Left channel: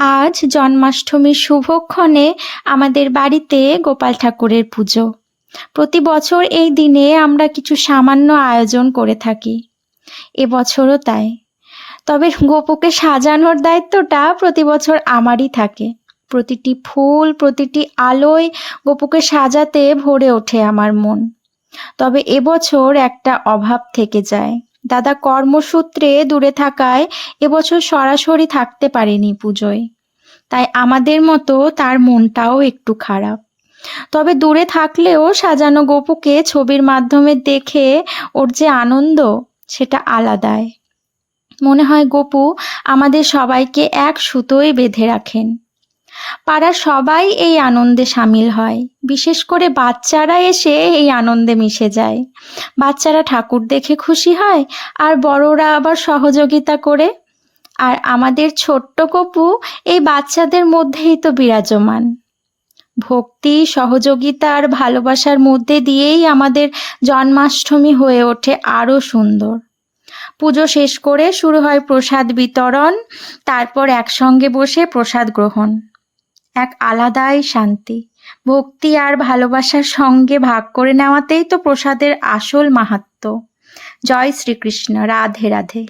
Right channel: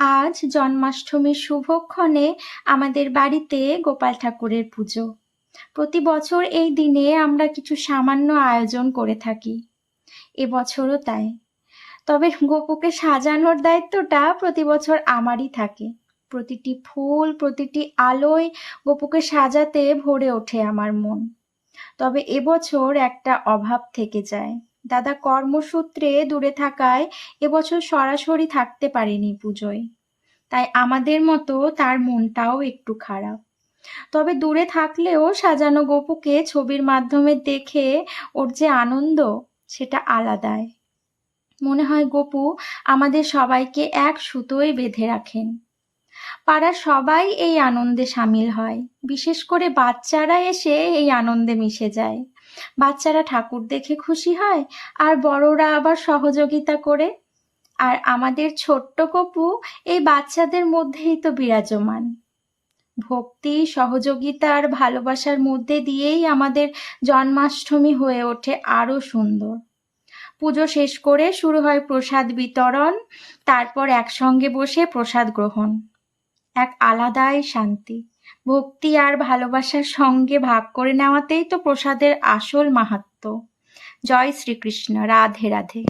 আজ জন্মাষ্টমীর শুভক্ষণে আমাদের বাড়িতে গোপাল ঠাকুরের পুজো। প্রতি বছর এই দিনে আমরা কিছু সামান্য আয়োজন করে থাকি, এবছরও তাই। তবে গোপুকে সাজানোর দায়িত্বটা প্রতি বছর আমারই থাকে। প্রতিটি ফুল, প্রতিটি আলোয় গোপুকে সাজাতে ভরে ওঠে আমার মন। তবে এবছর একটা অভাব থেকে যায়। দাদা কর্মসূত্রে দূরে থাকায় এবছর সরাসরি থাকতে পারেনি পুজোয়। তাই আমাদের মতো তার মনটাও একটু খারাপ। তবে দূরে থাকলেও সাজানো গপুকে ছবির মাধ্যমে দেখে ওর যে আনন্দ, সেটা আলাদাই। মনে হয় গপু আমাদের সবাইকে এক সুতোয় বেঁধে রাখেন। পাড়ার সবাই এই আনন্দে সামিল হয়, বিশেষ করে বাচ্চারা এসে এই আনন্দে মিশে যায়। বাচ্চারা ঠাকুর দেখে খুশি হয়, আর বড়রা আবার সহযোগিতা করে। আর আমাদের ছোট্ট গপু এই বাচ্চাদের মধ্যেই তো বিরাজমান। ভক্তি, সহযোগিতা আর ভালোবাসার মধ্যে দিয়েই আমাদের জন্মাষ্টমী হয়ে ওঠে আরো সুন্দর। পুজো শেষ করে শুরু হয় প্রসাদ বিতরণ, তারপর একসঙ্গে বসে প্রসাদ গ্রহণ। এক আলাদাই শান্তি। ভক্তি আর ভালোবাসার সঙ্গে ভাগ করে নেওয়াতেই তো প্রসাদের আসল মাহাত্ম্য। জয় শ্রীকৃষ্ণ। রাধে রাধে।